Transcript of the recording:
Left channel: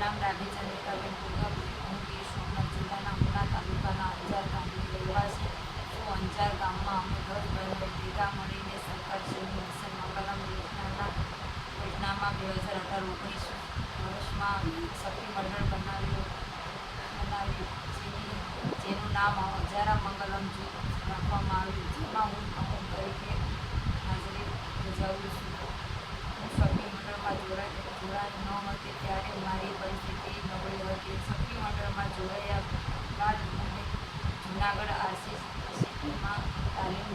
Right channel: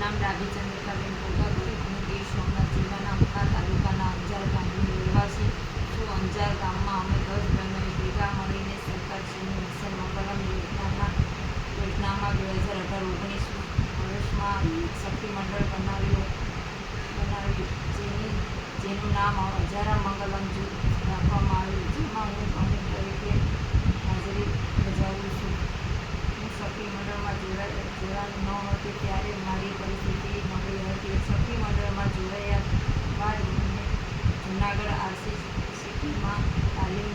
નામ ડાભી ચંદ્રિકાબેન પોગાભાઈ હું ગીર સોમનાથ જિલ્લાના ઉના તાલુકાના અંજાર ગામની રહેવાસી છું. અંજાર ગામમાં અમે દસ બહેનોએ ભેગા મળીને સરકારશ્રીની મિશન મંગલમ યોજનાના, યોજનામાં બે હજાર અઢાર ઓગણીસ વર્ષમાં શક્તિ મંડળ બનાવ્યું બનાવ્યું. જેની, જેનું નામ હજારા મંગલમ જૂથ રાખવામાં આવ્યું જેમાં હું પ્રમુખ તરીકે હાજરી બજાવું છું હું શક્તિ મંડળમાં જોડાઈ ન હતી ત્યારે મારી પરિસ્થિતિ નબળી હતી શક્તિ મંડળમાં જોડાયા બાદ મને જુનાગઢ આરસીસીટીમાં તાલીમ